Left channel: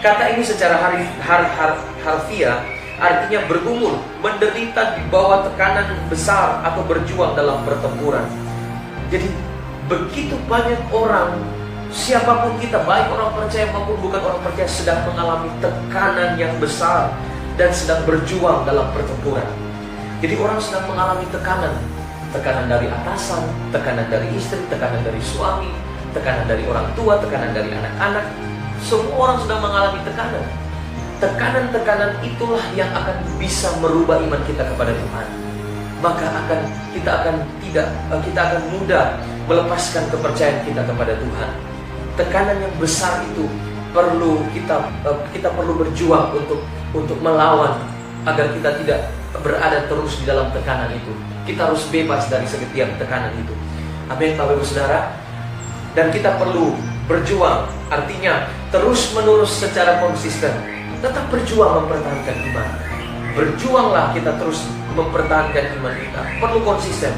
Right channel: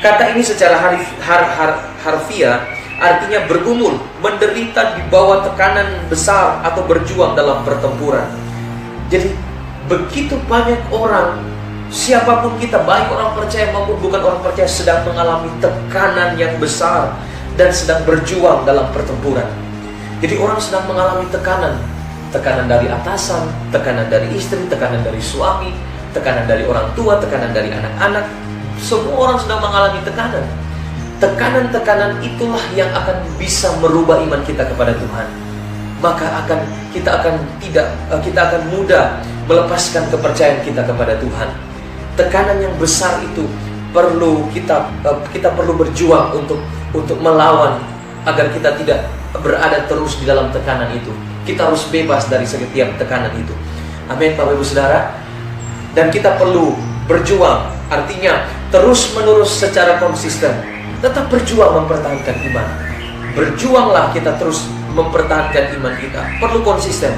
Kata ini secara harfiah artinya bergumul, menderita di bawah tekanan besar atau berjuang dalam pertempuran. Jadi begitu banyak orang, siapapun kita, baik orang percaya maupun bukan orang percaya, sedang mengalami tekanan yang besar dan sedang berjuang dalam pertempuran. Jadi orang sedang mengalami tekanan dari atasan, tekanan dari istri, tekanan dari suami, tekanan dari orang tua, tekanan dari anak-anak. Semua orang sedang mengalami tekanan. Tekanan-tekanan itulah yang akan bisa merubah iman kita kepada Tuhan. Maka kita akan mudah melepaskan kepercayaan kita kepada Tuhan. Tekanan yang besar itu perlu kita perlu berjuang untuk melawan agar kita tidak berada terus di dalam tekanan itu. Kita harus bebas dari setiap tekanan itu. Amin, Bapak Ibu Saudara. Dan kita perlu berjuang, artinya terus-menerus secara konsisten tetap berjuang mempertahankan iman. Berjuanglah kita terus mempertahankan iman kita. Perlu konsisten.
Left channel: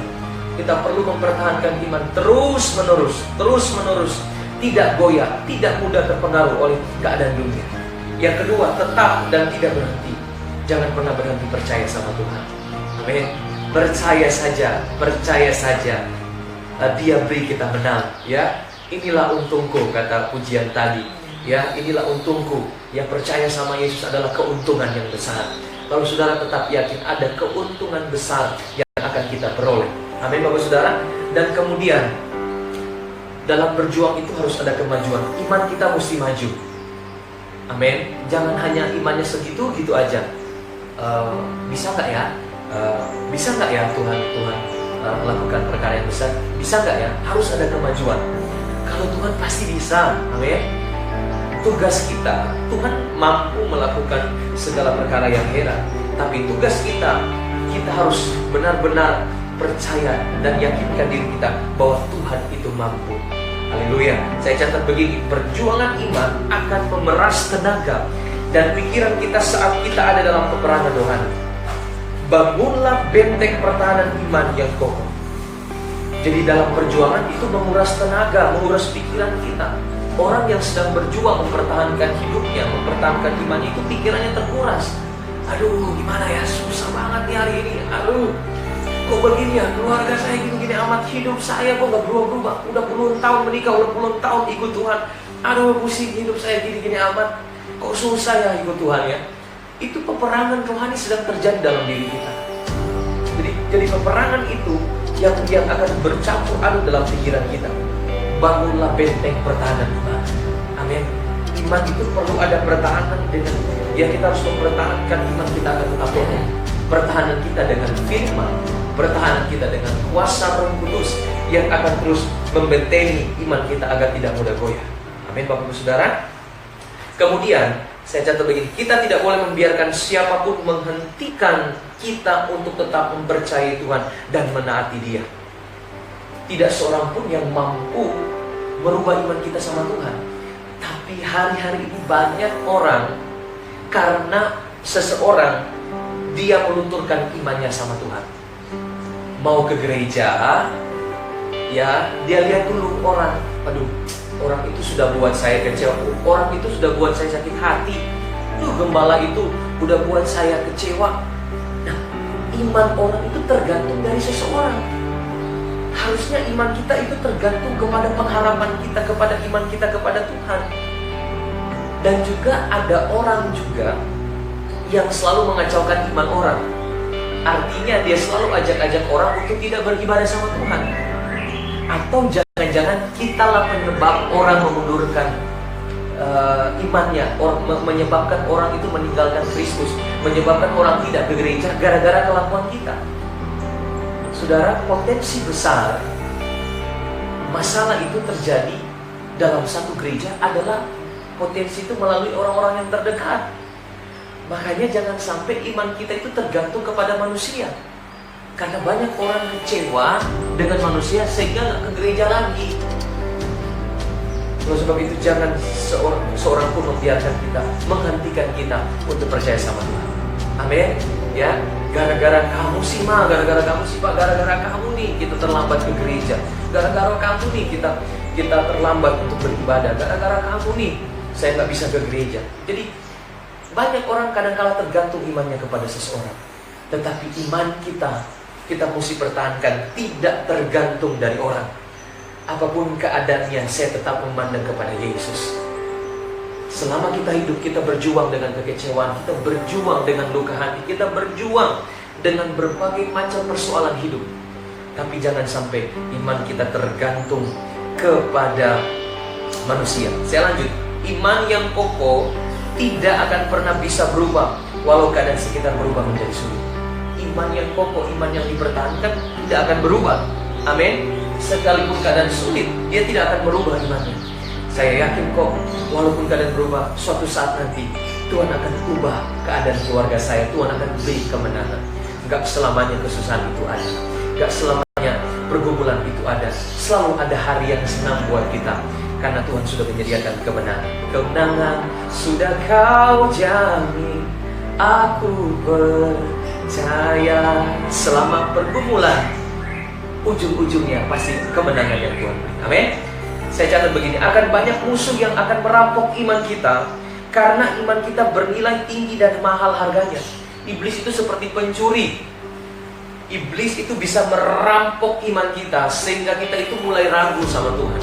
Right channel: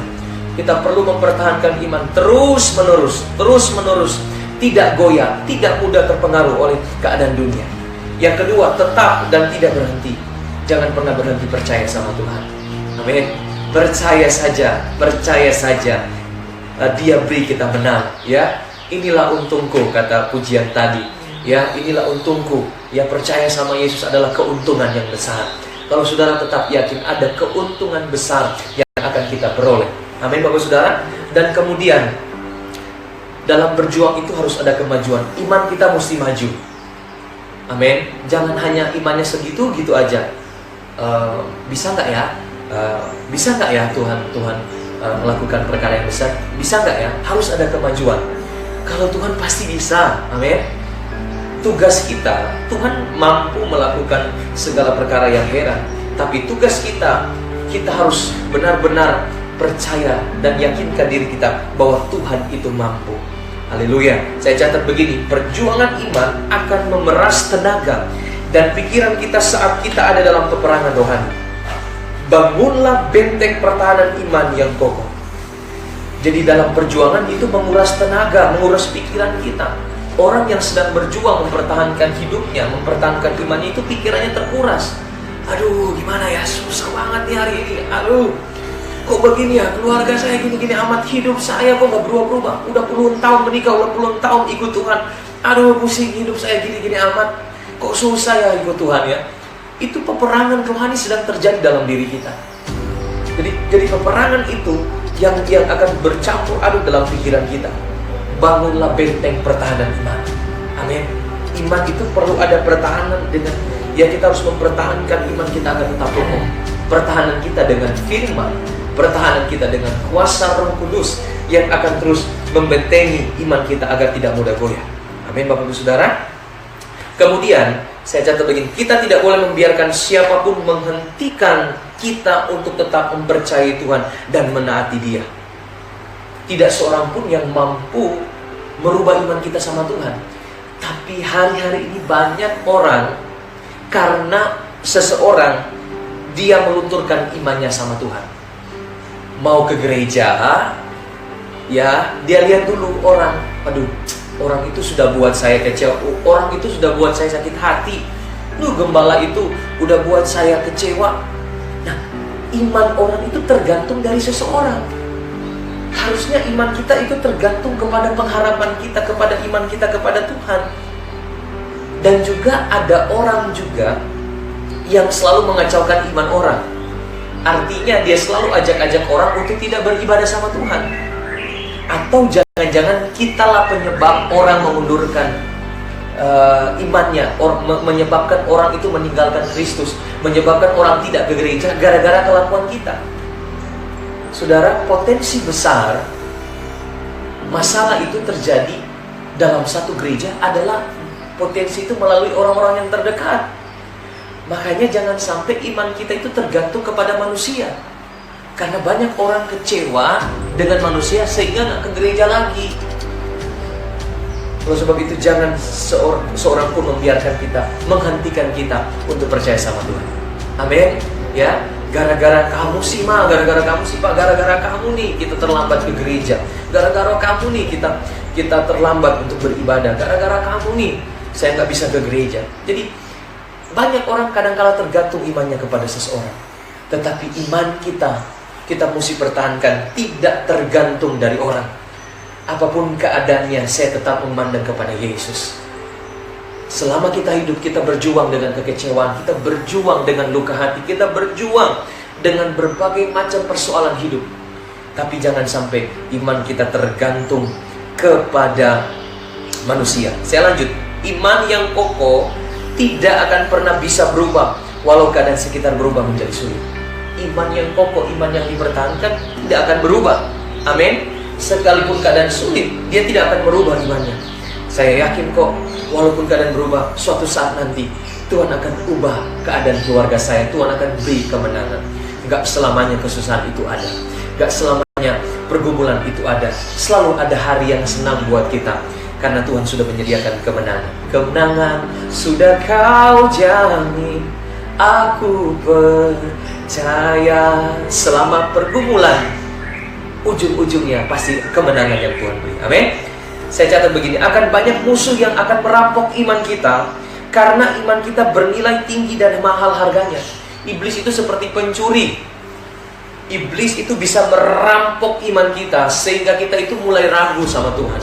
Kita perlu mempertahankan iman terus-menerus, tidak goyah, tidak mudah terpengaruh oleh keadaan dunia. Yang kedua, tetap dan tidak berhenti. Jangan pernah berhenti percaya sama Tuhan. Amin. Percaya saja. Dia beri kita menang, ya. Inilah untungku, kata pujian tadi. Ya, inilah untungku. Yang percaya sama Yesus adalah keuntungan yang besar. Kalau saudara tetap yakin ada keuntungan besar yang akan kita peroleh. Amin, Bapak Saudara. Dan kemudian dalam berjuang itu harus ada kemajuan. Iman kita mesti maju. Amin. Jangan hanya imannya segitu-gitu aja. Bisa nggak ya? Bisa nggak ya Tuhan melakukan perkara yang besar? Bisa nggak ya? Harus ada kemajuan. Kalau Tuhan pasti bisa. Amin. Tugas kita, Tuhan mampu melakukan segala perkara yang heran. Tapi tugas kita harus benar-benar percaya dan yakinkan diri kita bahwa Tuhan itu mampu. Haleluya. Saya catat begini, perjuangan iman akan memeras tenaga dan pikiran kita saat kita ada dalam peperangan rohani. Bangunlah benteng pertahanan iman yang kokoh. Jadi dalam perjuangan itu menguras tenaga, menguras pikiran kita. Orang yang sedang berjuang mempertahankan hidupnya, mempertahankan imannya, itu pikirannya terkuras. Aduh, gimana ya, susah banget nih hari ini. Aduh, kok begini ya, keluarga saya gini-gini amat, hidup saya kok gak berubah-berubah. Udah puluhan tahun menikah, udah puluhan tahun ikut Tuhan. Aduh, pusing hidup saya gini-gini amat. Kok susah ya ikut Tuhan ya. Itu peperangan rohani sedang terjadi dalam diri kita. Jadi peperangan itu yang akan bercampur aduk dalam pikiran kita. Bangunlah benteng pertahanan iman. Amin. Iman itu perlu ada pertahanan dengan kita harus mempertahankan iman kita agar tetap kokoh. Pertahanan kita dengan firman, pertahanan kita dengan kuasa Roh Kudus yang akan terus membentengi iman kita agar tidak mudah goyah. Amin, Bapak Ibu Saudara. Kemudian saya catat begini, kita tidak boleh membiarkan siapapun menghentikan kita untuk tetap mempercayai Tuhan dan menaati Dia. Tidak seorang pun yang mampu merubah iman kita sama Tuhan. Tapi hari-hari ini banyak orang, karena seseorang dia melunturkan imannya sama Tuhan. Mau ke gereja, ya dia lihat dulu orang, aduh, orang itu sudah buat saya kecewa, orang itu sudah buat saya sakit hati, gembala itu udah buat saya kecewa. Nah, iman orang itu tergantung dari seseorang. Harusnya iman kita itu tergantung kepada pengharapan kita, kepada iman kita kepada Tuhan. Dan juga ada orang juga yang selalu mengacaukan iman orang. Artinya dia selalu ajak-ajak orang untuk tidak beribadah sama Tuhan. Atau jangan-jangan kitalah penyebab orang mengundurkan imannya, menyebabkan orang itu meninggalkan Kristus, menyebabkan orang tidak ke gereja gara-gara kelakuan kita. Saudara, potensi besar masalah itu terjadi dalam satu gereja adalah potensi itu melalui orang-orang yang terdekat. Makanya jangan sampai iman kita itu tergantung kepada manusia. Karena banyak orang kecewa dengan manusia sehingga nggak ke gereja lagi. Oleh sebab itu jangan seorang pun membiarkan kita, menghentikan kita untuk percaya sama Tuhan. Amin. Ya. Gara-gara kamu sih ma, gara-gara kamu sih pak, gara-gara kamu nih kita terlambat ke gereja, gara-gara kamu nih kita terlambat untuk beribadah, gara-gara kamu nih saya nggak bisa ke gereja. Jadi banyak orang kadang-kala tergantung imannya kepada seseorang. Tetapi iman kita mesti pertahankan, tidak tergantung dari orang. Apapun keadaannya, saya tetap memandang kepada Yesus. Selama kita hidup, kita berjuang dengan kekecewaan, kita berjuang dengan luka hati, kita berjuang dengan berbagai macam persoalan hidup. Tapi jangan sampai iman kita tergantung kepada manusia. Saya lanjut. Iman yang kokoh tidak akan pernah bisa berubah walau keadaan sekitar berubah menjadi sulit. Iman yang kokoh, iman yang dipertahankan tidak akan berubah. Amin. Sekalipun keadaan sulit, dia tidak akan merubah imannya. Saya yakin kok, walaupun keadaan berubah, suatu saat nanti Tuhan akan ubah keadaan keluarga saya. Tuhan akan beri kemenangan. Gak selamanya kesusahan itu ada, gak selamanya pergumulan itu ada. Selalu ada hari yang senang buat kita, karena Tuhan sudah menyediakan kemenangan. Kemenangan sudah Kau jamin, aku percaya. Selama pergumulan, ujung-ujungnya pasti kemenangan yang Tuhan beri. Amin. Saya catat begini, akan banyak musuh yang akan merampok iman kita, karena iman kita bernilai tinggi dan mahal harganya. Iblis itu seperti pencuri. Iblis itu bisa merampok iman kita, sehingga kita itu mulai ragu sama Tuhan.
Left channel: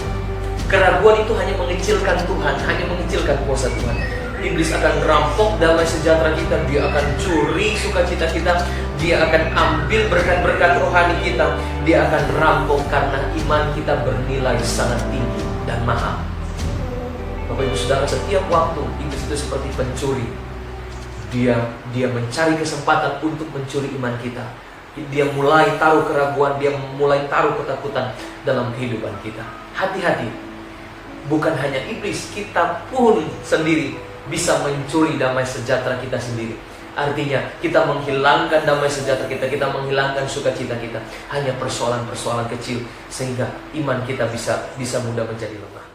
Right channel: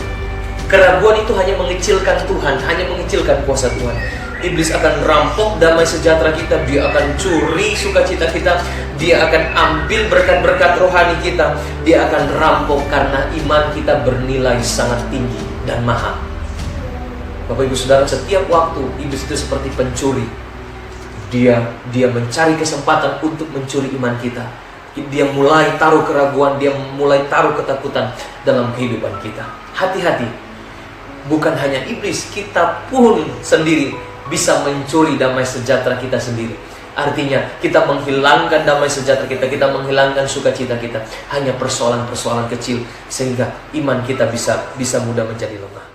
Keraguan itu hanya mengecilkan Tuhan, hanya mengecilkan kuasa Tuhan. Iblis akan merampok damai sejahtera kita, dia akan curi sukacita kita, dia akan ambil berkat-berkat rohani kita, dia akan rampok karena iman kita bernilai sangat tinggi dan mahal. Bapak Ibu Saudara, setiap waktu iblis itu seperti pencuri. Dia mencari kesempatan untuk mencuri iman kita. Dia mulai taruh keraguan, dia mulai taruh ketakutan dalam kehidupan kita. Hati-hati. Bukan hanya iblis, kita pun sendiri bisa mencuri damai sejahtera kita sendiri. Artinya kita menghilangkan damai sejahtera kita menghilangkan sukacita kita hanya persoalan-persoalan kecil, sehingga iman kita bisa mudah menjadi lemah.